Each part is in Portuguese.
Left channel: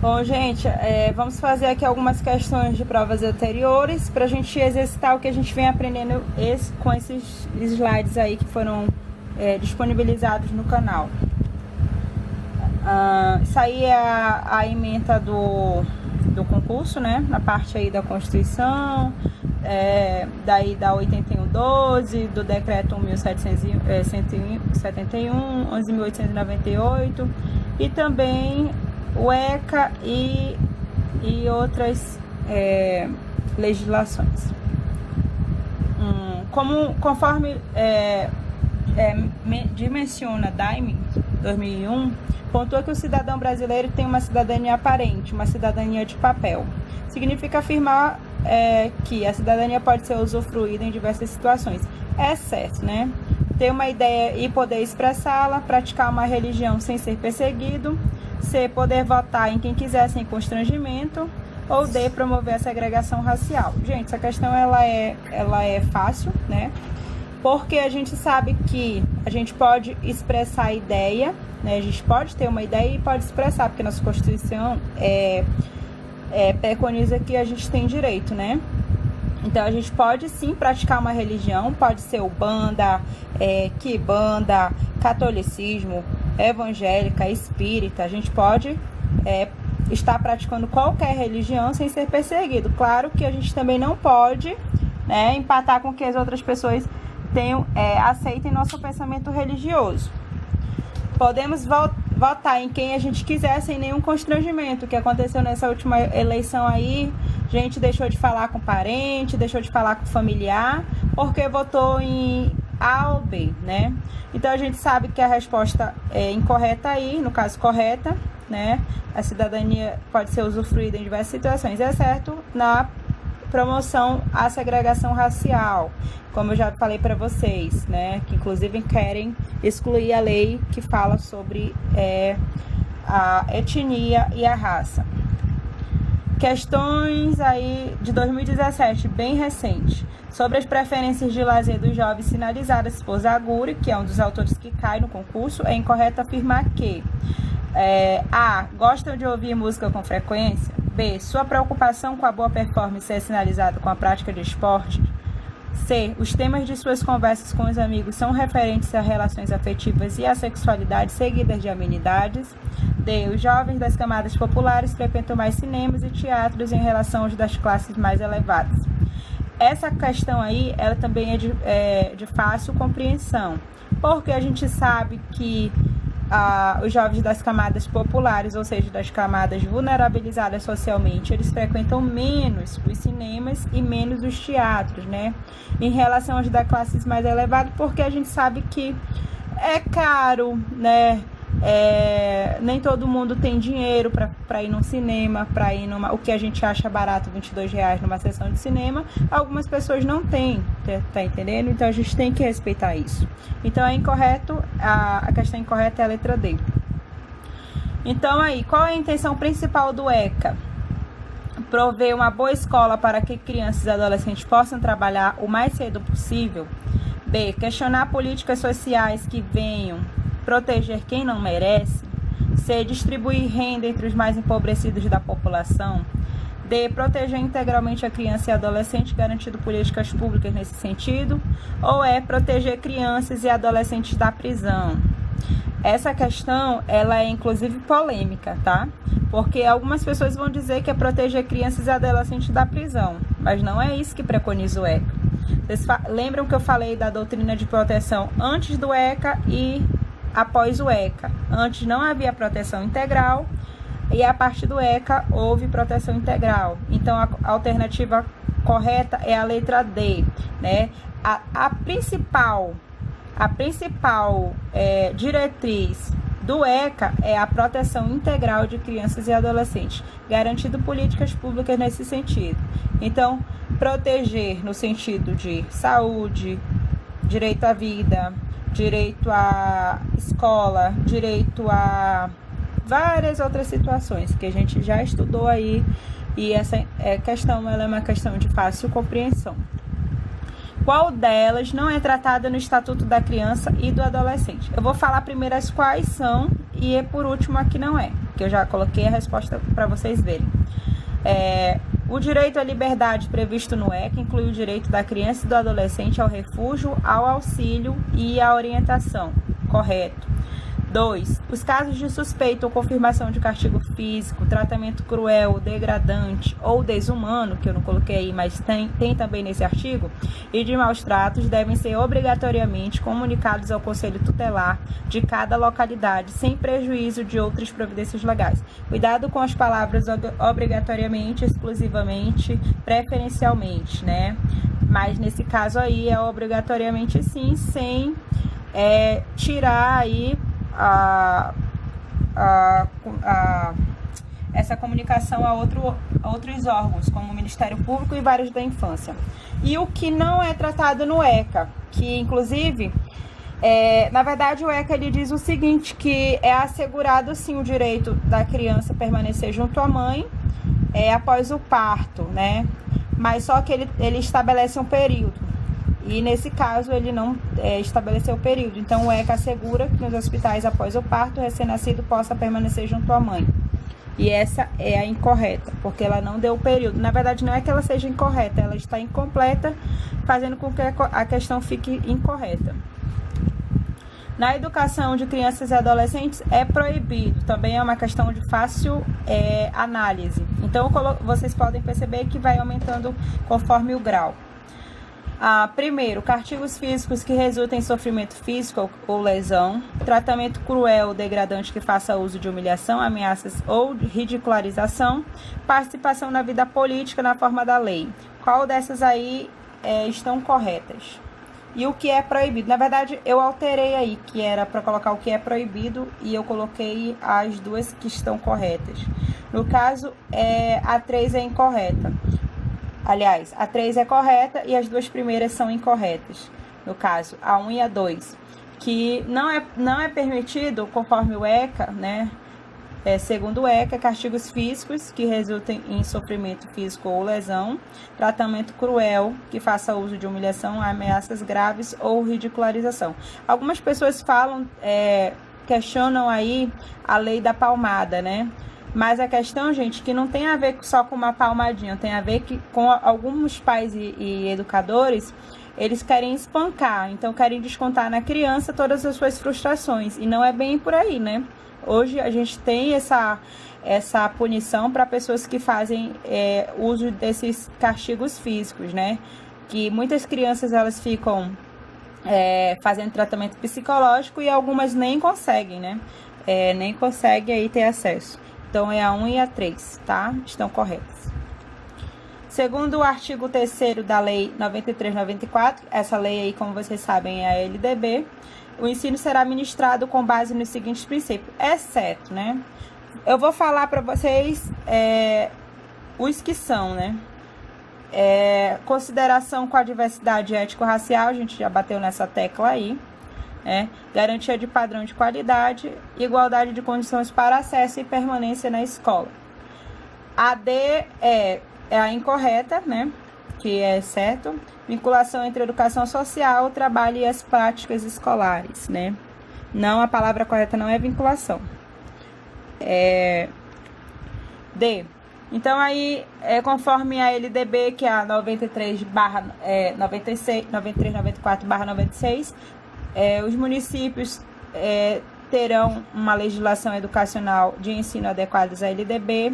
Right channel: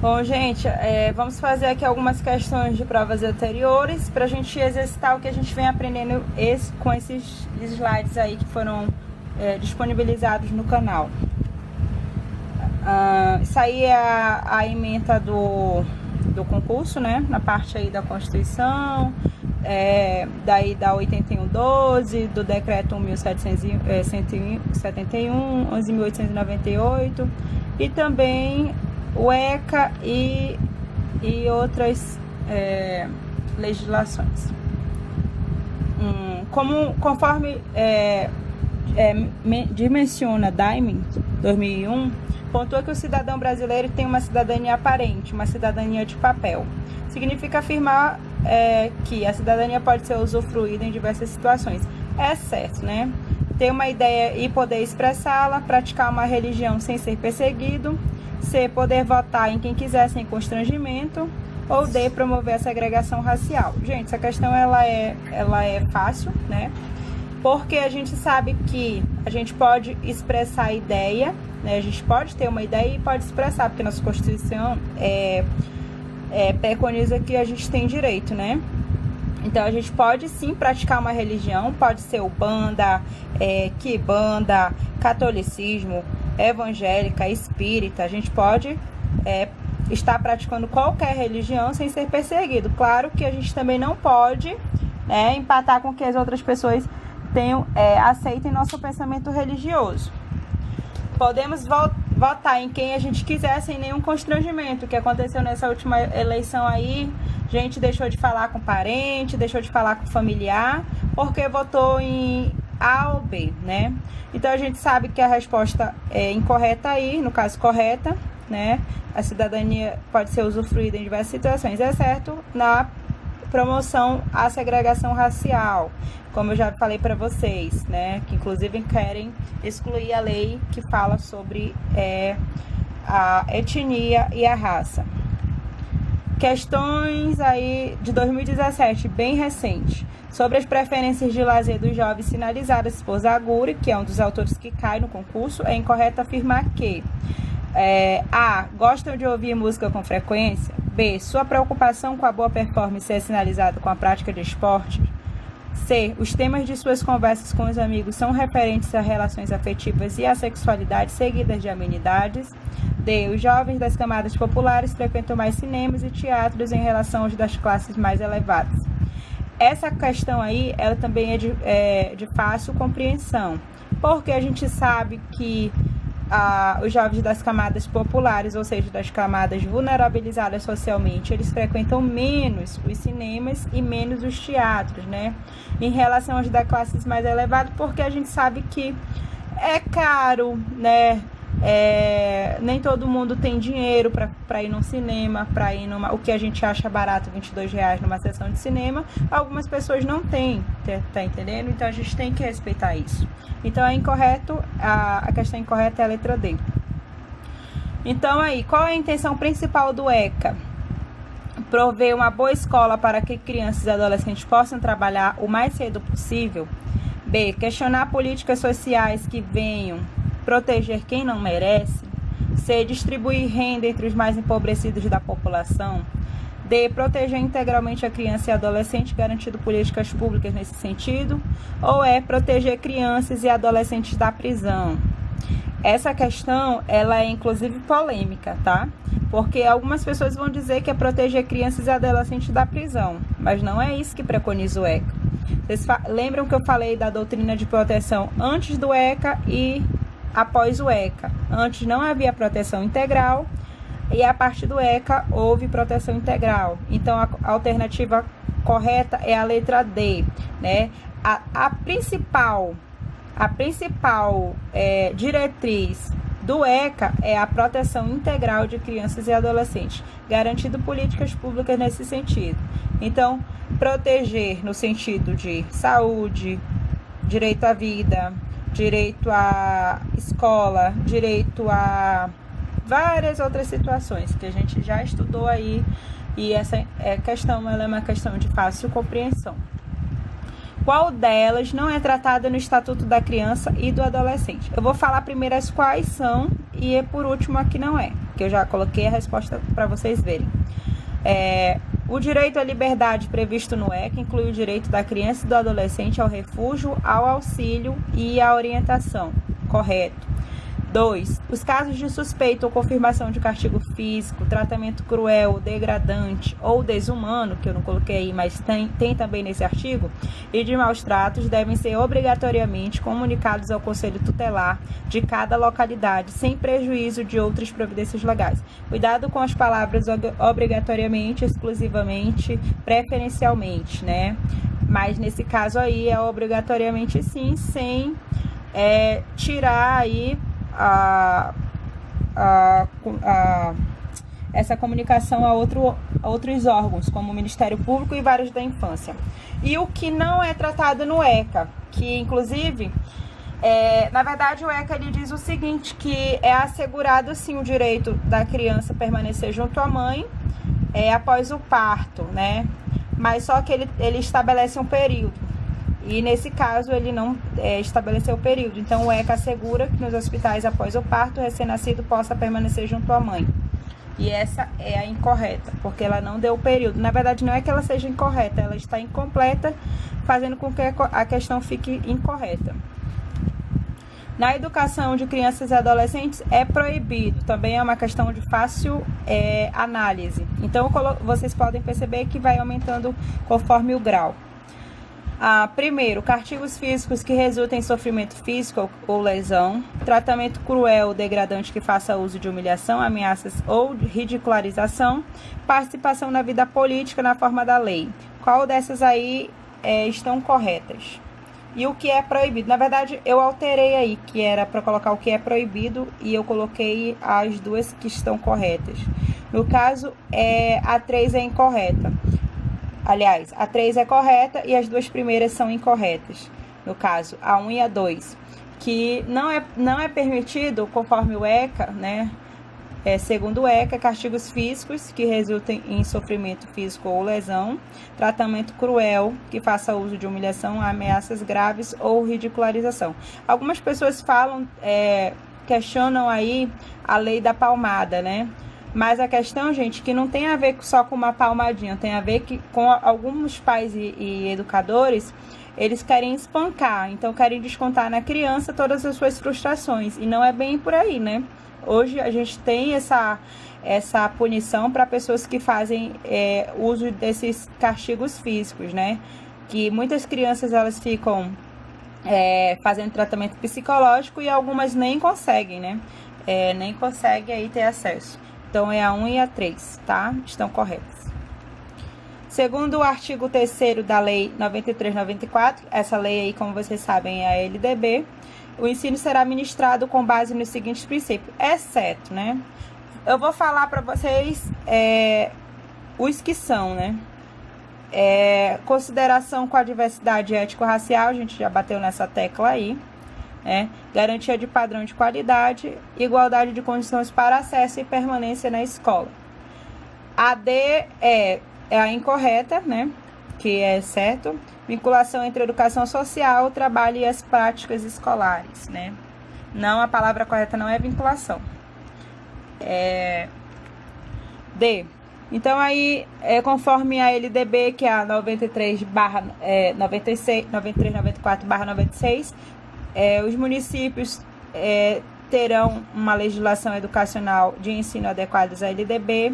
Bom, gente, vamos fazer aqui algumas questões de provas anteriores para a gente exercitar o que a gente vem aprendendo com esses slides aí que foram disponibilizados no canal. Isso aí é a ementa do concurso, né? Na parte aí da Constituição, daí da 8112, do Decreto 11.771, 11.898 e também o ECA e outras legislações. Conforme dimensiona Diamond 2001, pontua que o cidadão brasileiro tem uma cidadania aparente, uma cidadania de papel. Significa afirmar que a cidadania pode ser usufruída em diversas situações, exceto, né, ter uma ideia e poder expressá-la, praticar uma religião sem ser perseguido, C, poder votar em quem quiser sem constrangimento, ou D, promover a segregação racial. Gente, essa questão ela é fácil, né? Porque a gente sabe que a gente pode expressar a ideia, né? A gente pode ter uma ideia e pode expressar, porque nossa Constituição preconiza que a gente tem direito, né? Então, a gente pode sim praticar uma religião, pode ser Umbanda, Quimbanda, catolicismo, evangélica, espírita. A gente pode estar praticando qualquer religião sem ser perseguido. Claro que a gente também não pode, né, empatar com que as outras pessoas aceitem nosso pensamento religioso. Podemos votar em quem a gente quiser sem nenhum constrangimento. O que aconteceu nessa última eleição aí, gente deixou de falar com parente, deixou de falar com familiar, porque votou em A ou B, né? Então a gente sabe que a resposta é incorreta aí, no caso correta, né? A cidadania pode ser usufruída em diversas situações, exceto na promoção à segregação racial, como eu já falei para vocês, né? Que inclusive querem excluir a lei que fala sobre a etnia e a raça. Questões aí de 2017, bem recente. Sobre as preferências de lazer dos jovens sinalizadas por Zaguri, que é um dos autores que cai no concurso, é incorreto afirmar que A. Gostam de ouvir música com frequência. B. Sua preocupação com a boa performance é sinalizada com a prática de esporte. C. Os temas de suas conversas com os amigos são referentes a relações afetivas e à sexualidade seguidas de amenidades. D. Os jovens das camadas populares frequentam mais cinemas e teatros em relação aos das classes mais elevadas. Essa questão aí, ela também é de fácil compreensão, porque a gente sabe que os jovens das camadas populares, ou seja, das camadas vulnerabilizadas socialmente, eles frequentam menos os cinemas e menos os teatros, né? Em relação aos das classes mais elevadas, porque a gente sabe que é caro, né? Nem todo mundo tem dinheiro para ir no cinema, para ir o que a gente acha barato, R$22 numa sessão de cinema, algumas pessoas não têm, tá entendendo? Então a gente tem que respeitar isso. Então é incorreto, a questão incorreta é a letra D. Então aí, qual é a intenção principal do ECA? Prover uma boa escola para que crianças e adolescentes possam trabalhar o mais cedo possível. B. Questionar políticas sociais que venham proteger quem não merece. C. Distribuir renda entre os mais empobrecidos da população. D. Proteger integralmente a criança e adolescente, garantindo políticas públicas nesse sentido. Ou E. Proteger crianças e adolescentes da prisão. Essa questão, ela é inclusive polêmica, tá? Porque algumas pessoas vão dizer que é proteger crianças e adolescentes da prisão, mas não é isso que preconiza o ECA. Vocês lembram que eu falei da doutrina de proteção antes do ECA e após o ECA? Antes não havia proteção integral e a partir do ECA houve proteção integral. Então a alternativa correta é a letra D, né? A principal diretriz do ECA é a proteção integral de crianças e adolescentes, garantindo políticas públicas nesse sentido. Então, proteger no sentido de saúde, direito à vida, direito à escola, direito a várias outras situações que a gente já estudou aí, e essa questão ela é uma questão de fácil compreensão. Qual delas não é tratada no Estatuto da Criança e do Adolescente? Eu vou falar primeiro as quais são e por último a que não é, que eu já coloquei a resposta para vocês verem. O direito à liberdade previsto no ECA inclui o direito da criança e do adolescente ao refúgio, ao auxílio e à orientação. Correto. 2. Os casos de suspeita ou confirmação de castigo físico, tratamento cruel, degradante ou desumano, que eu não coloquei aí, mas tem também nesse artigo, e de maus tratos devem ser obrigatoriamente comunicados ao Conselho Tutelar de cada localidade, sem prejuízo de outras providências legais. Cuidado com as palavras obrigatoriamente, exclusivamente, preferencialmente, né? Mas nesse caso aí é obrigatoriamente sim, sem tirar aí essa comunicação a outros órgãos, como o Ministério Público e vários da infância. E o que não é tratado no ECA, que inclusive, na verdade o ECA ele diz o seguinte, que é assegurado sim o direito da criança permanecer junto à mãe após o parto, né? Mas só que ele estabelece um período. E nesse caso ele não estabeleceu o período. Então o ECA assegura que nos hospitais após o parto o recém-nascido possa permanecer junto à mãe. E essa é a incorreta, porque ela não deu o período. Na verdade não é que ela seja incorreta, ela está incompleta, fazendo com que a questão fique incorreta. Na educação de crianças e adolescentes é proibido, também é uma questão de fácil análise. Então vocês podem perceber que vai aumentando conforme o grau. Primeiro, castigos físicos que resultem em sofrimento físico ou lesão, tratamento cruel, degradante que faça uso de humilhação, ameaças ou ridicularização, participação na vida política na forma da lei. Qual dessas aí estão corretas? E o que é proibido? Na verdade, eu alterei aí, que era para colocar o que é proibido, e eu coloquei as duas que estão corretas. No caso, a 3 é incorreta. Aliás, a 3 é correta e as duas primeiras são incorretas. No caso, a 1 e a 2. Que não é permitido, conforme o ECA, né? Segundo o ECA, castigos físicos que resultem em sofrimento físico ou lesão, tratamento cruel que faça uso de humilhação, ameaças graves ou ridicularização. Algumas pessoas questionam aí a lei da palmada, né? Mas a questão, gente, que não tem a ver só com uma palmadinha, tem a ver com alguns pais e educadores, eles querem espancar, então querem descontar na criança todas as suas frustrações, e não é bem por aí, né? Hoje a gente tem essa punição para pessoas que fazem uso desses castigos físicos, né? Que muitas crianças elas ficam fazendo tratamento psicológico e algumas nem conseguem, né? Nem conseguem aí ter acesso. Então, é a 1 e a 3, tá? Estão corretas. Segundo o artigo 3º da Lei 93/94, essa lei aí, como vocês sabem, é a LDB, o ensino será ministrado com base nos seguintes princípios, exceto, né? Eu vou falar para vocês os que são, né? Consideração com a diversidade étnico-racial, a gente já bateu nessa tecla aí. Garantia de padrão de qualidade, igualdade de condições para acesso e permanência na escola. A D é a incorreta, né? Que é certo. Vinculação entre educação social, trabalho e as práticas escolares, né? Não, a palavra correta não é vinculação. D. Então, aí, conforme a LDB, que é a 93/94/96, os municípios terão uma legislação educacional de ensino adequadas à LDB.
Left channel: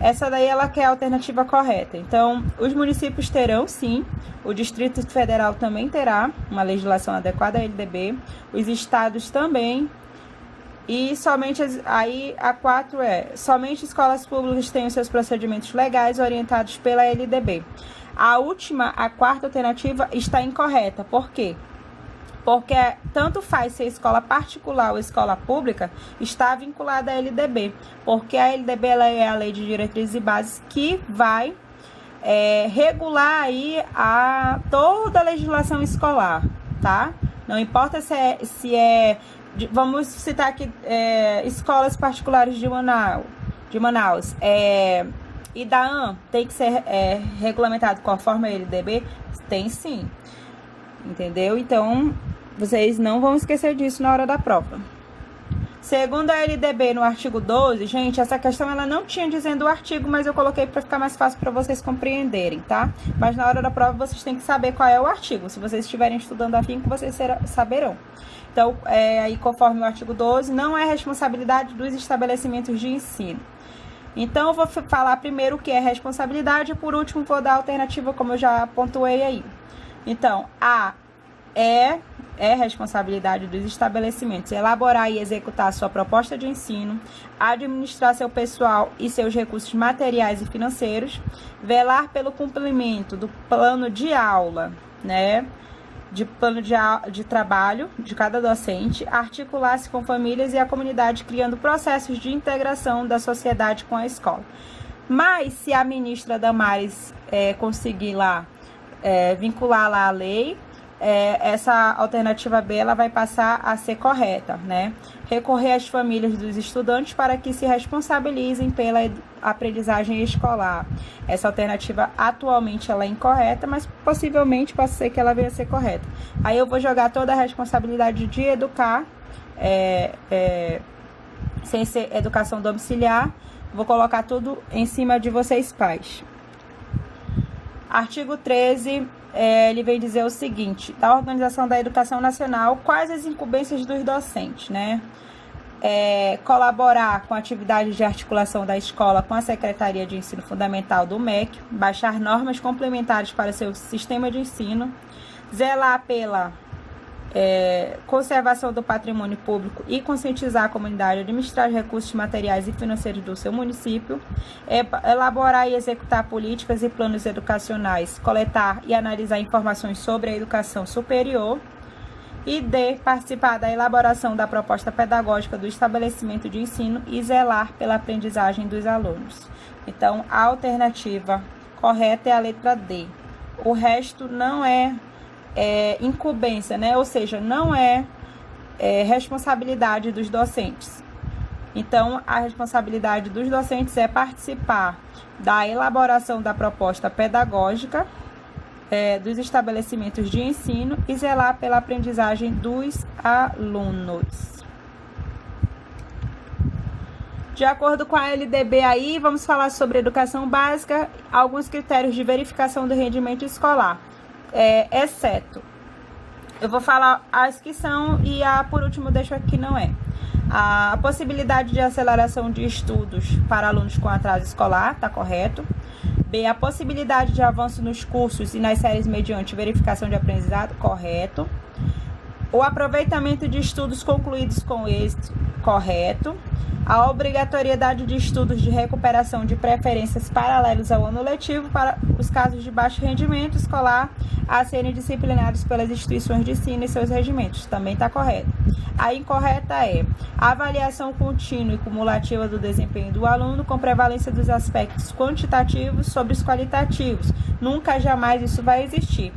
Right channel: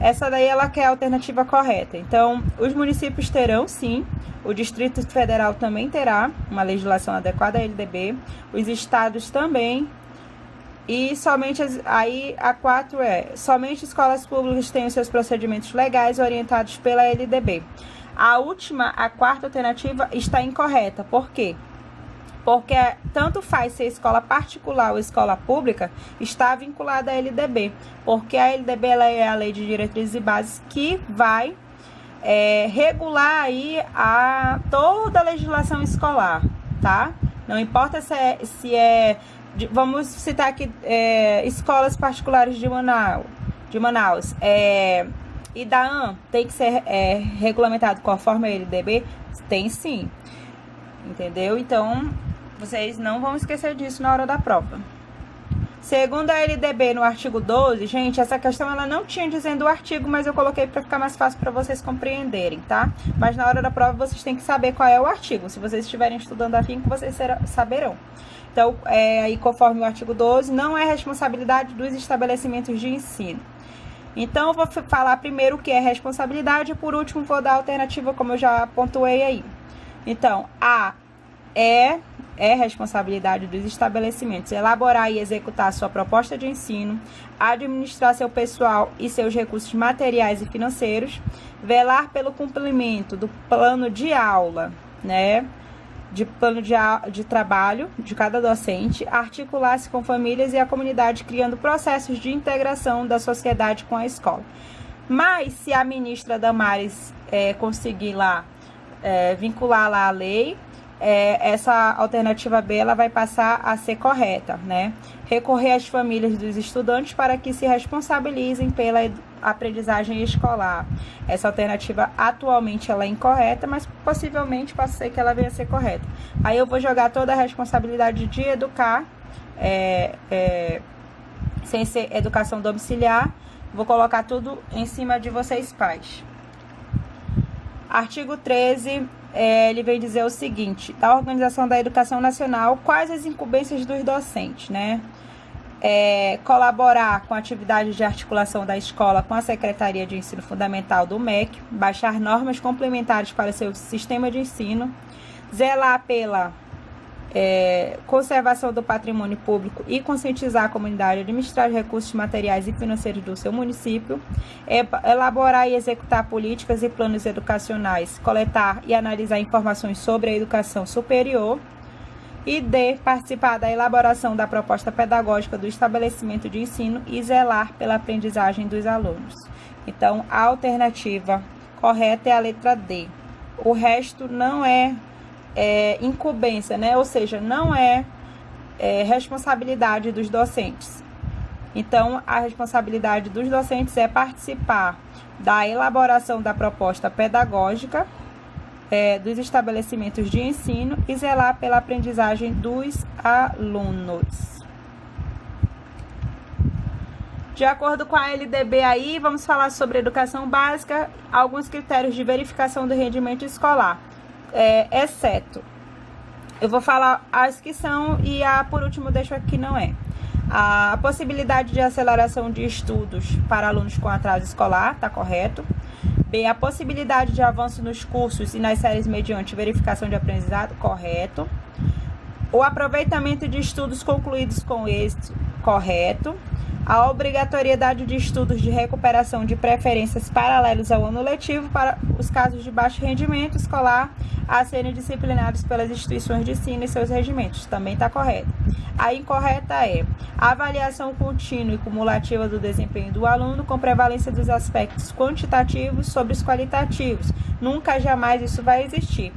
Essa daí ela quer a alternativa correta. Então, os municípios terão, sim. O Distrito Federal também terá uma legislação adequada à LDB. Os estados também. E somente a 4 somente escolas públicas têm os seus procedimentos legais orientados pela LDB. A quarta alternativa está incorreta. Por quê? Porque tanto faz ser escola particular ou escola pública, está vinculada à LDB. Porque a LDB ela é a Lei de Diretrizes e Bases que vai regular aí toda a legislação escolar, tá? Não importa se é vamos citar aqui escolas particulares de Manaus. IDAAN tem que ser regulamentado conforme a LDB? Tem sim, entendeu? Então, vocês não vão esquecer disso na hora da prova. Segundo a LDB, no artigo 12, gente, essa questão ela não tinha dizendo o artigo, mas eu coloquei para ficar mais fácil para vocês compreenderem, tá? Mas na hora da prova vocês têm que saber qual é o artigo. Se vocês estiverem estudando afinco, vocês saberão. Então, aí conforme o artigo 12, não é responsabilidade dos estabelecimentos de ensino. Então, eu vou falar primeiro o que é responsabilidade e por último vou dar a alternativa, como eu já pontuei aí. Então, A é responsabilidade dos estabelecimentos elaborar e executar sua proposta de ensino, administrar seu pessoal e seus recursos materiais e financeiros, velar pelo cumprimento do plano de aula, né, de plano de trabalho de cada docente, articular-se com famílias e a comunidade, criando processos de integração da sociedade com a escola. Mas, se a ministra Damares conseguir lá, vincular lá a lei, essa alternativa B ela vai passar a ser correta, né? Recorrer às famílias dos estudantes para que se responsabilizem pela aprendizagem escolar. Essa alternativa atualmente ela é incorreta, mas possivelmente pode ser que ela venha a ser correta. Aí eu vou jogar toda a responsabilidade de educar, sem ser educação domiciliar, vou colocar tudo em cima de vocês pais. Artigo 13, ele vem dizer o seguinte: da Organização da Educação Nacional, quais as incumbências dos docentes, né? Colaborar com a atividade de articulação da escola com a Secretaria de Ensino Fundamental do MEC, baixar normas complementares para seu sistema de ensino, zelar pela conservação do patrimônio público e conscientizar a comunidade, administrar os recursos materiais e financeiros do seu município, elaborar e executar políticas e planos educacionais, coletar e analisar informações sobre a educação superior, e D, participar da elaboração da proposta pedagógica do estabelecimento de ensino e zelar pela aprendizagem dos alunos. Então, a alternativa correta é a letra D. O resto não é incumbência, né? Ou seja, não é responsabilidade dos docentes. Então, a responsabilidade dos docentes é participar da elaboração da proposta pedagógica dos estabelecimentos de ensino e zelar pela aprendizagem dos alunos. De acordo com a LDB aí, vamos falar sobre educação básica, alguns critérios de verificação do rendimento escolar. Exceto, eu vou falar as que são e por último deixo aqui não é. A possibilidade de aceleração de estudos para alunos com atraso escolar, está correto. B, a possibilidade de avanço nos cursos e nas séries mediante verificação de aprendizado, correto. O aproveitamento de estudos concluídos com êxito, correto. A obrigatoriedade de estudos de recuperação de preferências paralelos ao ano letivo para os casos de baixo rendimento escolar a serem disciplinados pelas instituições de ensino e seus regimentos. Também está correto. A incorreta é a avaliação contínua e cumulativa do desempenho do aluno com prevalência dos aspectos quantitativos sobre os qualitativos. Nunca, jamais isso vai existir.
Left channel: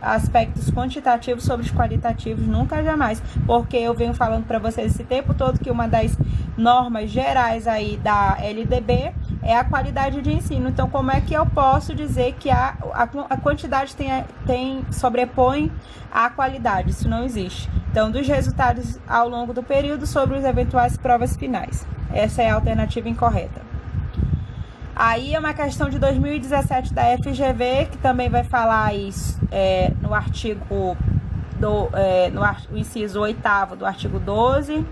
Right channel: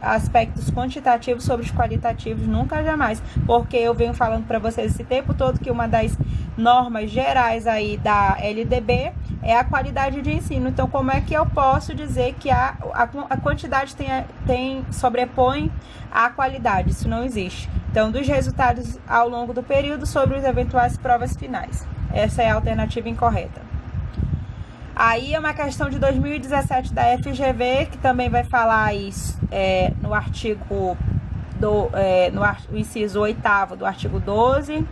Aspectos quantitativos sobre os qualitativos, nunca, jamais. Porque eu venho falando para vocês esse tempo todo que uma das normas gerais aí da LDB é a qualidade de ensino. Então, como é que eu posso dizer que a quantidade sobrepõe a qualidade? Isso não existe. Então, dos resultados ao longo do período sobre os eventuais provas finais. Essa é a alternativa incorreta. Aí é uma questão de 2017 da FGV, que também vai falar isso no artigo no inciso 8º do artigo 12,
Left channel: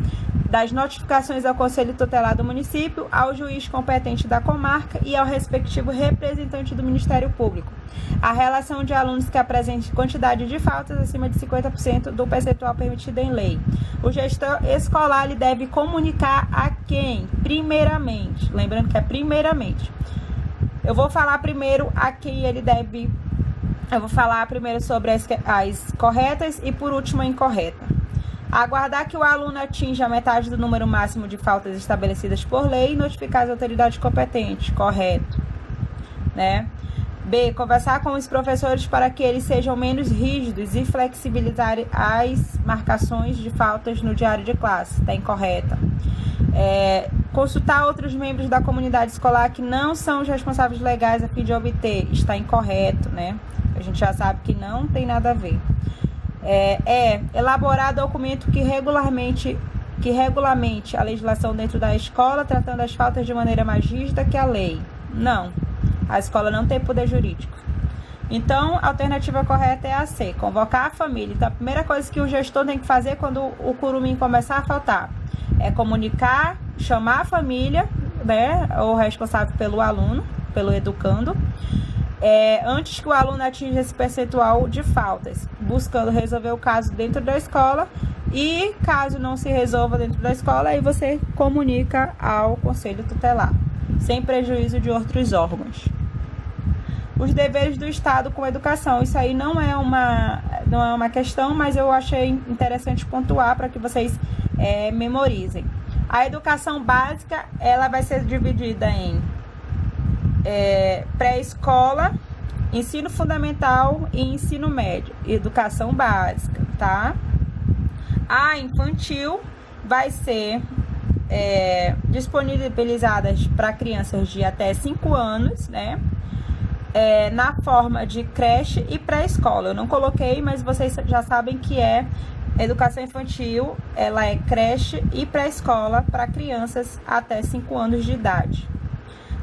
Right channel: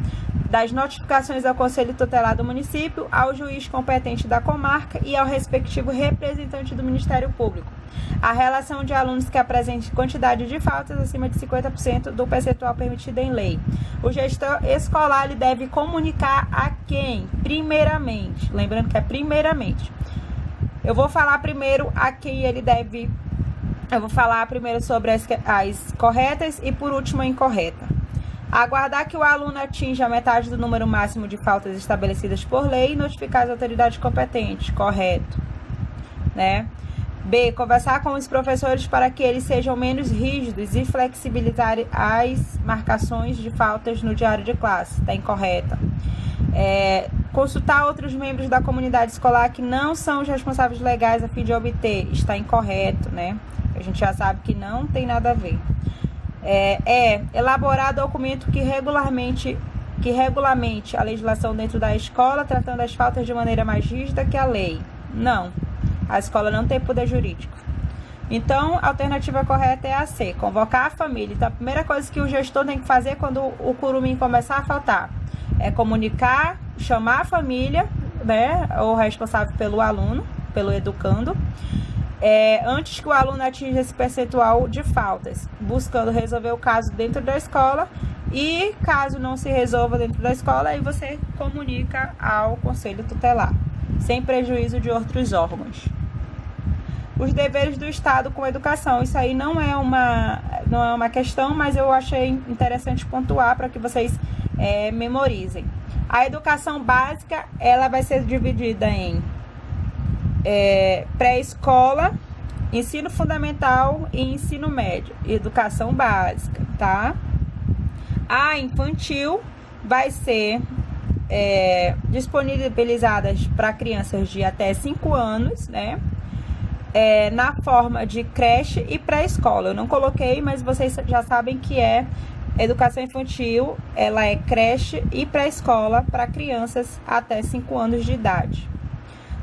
das notificações ao Conselho Tutelar do município, ao juiz competente da comarca e ao respectivo representante do Ministério Público. A relação de alunos que apresentem quantidade de faltas acima de 50% do percentual permitido em lei. O gestor escolar ele deve comunicar a quem? Primeiramente. Lembrando que é primeiramente. Eu vou falar primeiro a quem ele deve... Eu vou falar primeiro sobre as corretas e, por último, a incorreta. Aguardar que o aluno atinja a metade do número máximo de faltas estabelecidas por lei e notificar as autoridades competentes. Correto. Né? B. Conversar com os professores para que eles sejam menos rígidos e flexibilizar as marcações de faltas no diário de classe. Está incorreta. Consultar outros membros da comunidade escolar que não são os responsáveis legais a fim de obter. Está incorreto, né? A gente já sabe que não tem nada a ver. Elaborar documento que regularmente que regulamente a legislação dentro da escola, tratando as faltas de maneira mais rígida que a lei. Não, a escola não tem poder jurídico. Então, a alternativa correta é a C, convocar a família. Então, a primeira coisa que o gestor tem que fazer quando o curumim começar a faltar é comunicar, chamar a família, né, ou responsável pelo aluno, pelo educando, antes que o aluno atinja esse percentual de faltas, buscando resolver o caso dentro da escola. E caso não se resolva dentro da escola, aí você comunica ao conselho tutelar, sem prejuízo de outros órgãos. Os deveres do Estado com a educação, isso aí não é uma questão, mas eu achei interessante pontuar para que vocês memorizem. A educação básica, ela vai ser dividida em pré-escola, ensino fundamental e ensino médio, educação básica, tá? A infantil vai ser disponibilizada para crianças de até 5 anos, né? Na forma de creche e pré-escola. Eu não coloquei, mas vocês já sabem que educação infantil, ela é creche e pré-escola para crianças até 5 anos de idade.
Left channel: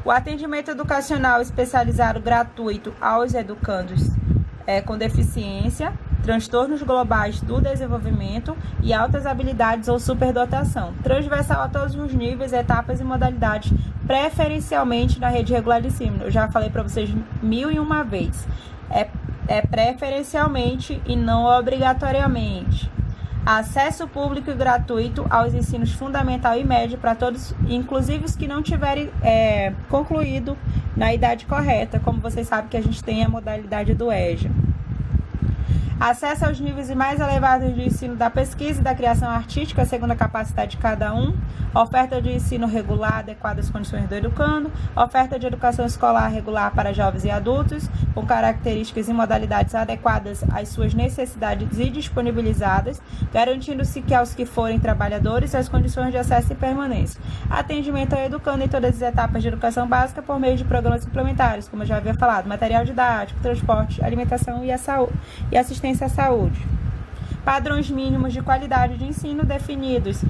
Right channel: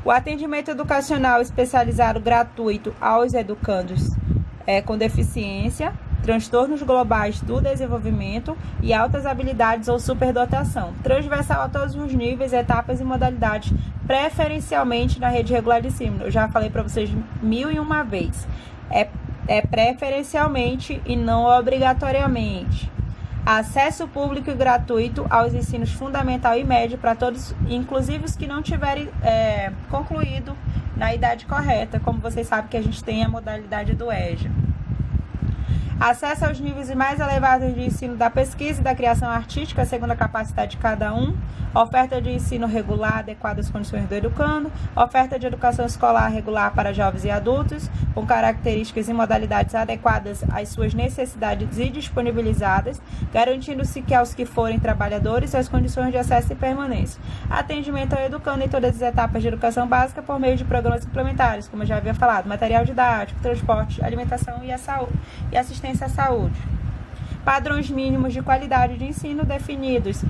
O atendimento educacional especializado gratuito aos educandos com deficiência, transtornos globais do desenvolvimento e altas habilidades ou superdotação, transversal a todos os níveis, etapas e modalidades, preferencialmente na rede regular de ensino. Eu já falei para vocês 1001 vezes. É preferencialmente e não obrigatoriamente. Acesso público e gratuito aos ensinos fundamental e médio para todos, inclusive os que não tiverem concluído na idade correta, como vocês sabem que a gente tem a modalidade do EJA. Acesso aos níveis mais elevados de ensino da pesquisa e da criação artística, segundo a capacidade de cada um. Oferta de ensino regular adequada às condições do educando. Oferta de educação escolar regular para jovens e adultos, com características e modalidades adequadas às suas necessidades e disponibilizadas, garantindo-se que aos que forem trabalhadores as condições de acesso e permanência. Atendimento ao educando em todas as etapas de educação básica por meio de programas suplementares, como eu já havia falado, material didático, transporte, alimentação e assistência à saúde. Padrões mínimos de qualidade de ensino definidos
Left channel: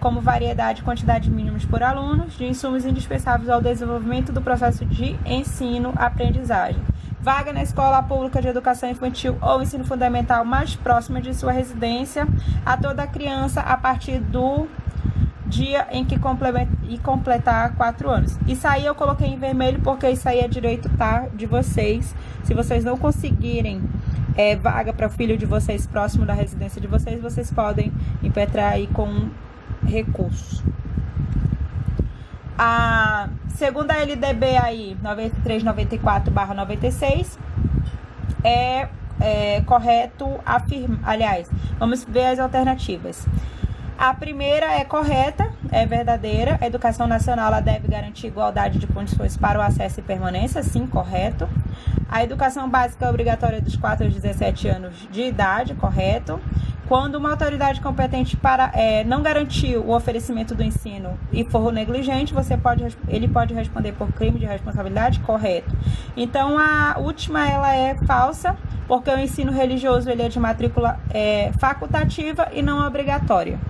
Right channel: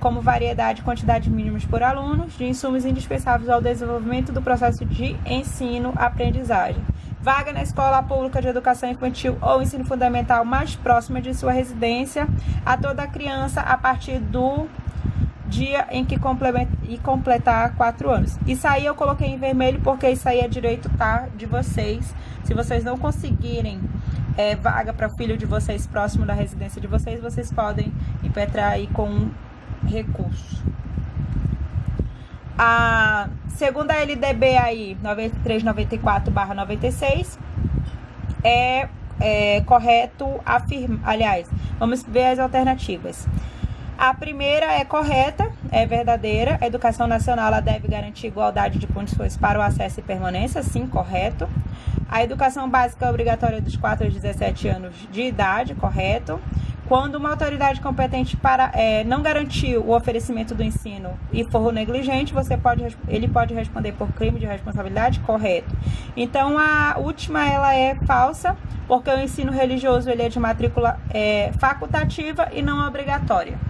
como variedade e quantidade mínimas por alunos, de insumos indispensáveis ao desenvolvimento do processo de ensino-aprendizagem. Vaga na escola pública de educação infantil ou ensino fundamental mais próxima de sua residência a toda criança a partir do dia em que completar 4 anos. Isso aí eu coloquei em vermelho porque isso aí é direito, tá, de vocês. Se vocês não conseguirem vaga para o filho de vocês próximo da residência de vocês, vocês podem impetrar aí com recurso. A segunda LDB aí, 9394/96, é correto afirmar. Aliás, vamos ver as alternativas. A primeira é correta, é verdadeira. A educação nacional ela deve garantir igualdade de condições para o acesso e permanência, sim, correto. A educação básica é obrigatória dos 4 aos 17 anos de idade, correto. Quando uma autoridade competente não garantir o oferecimento do ensino e for negligente, ele pode responder por crime de responsabilidade, correto. Então, a última ela é falsa, porque o ensino religioso ele é de matrícula facultativa e não obrigatória.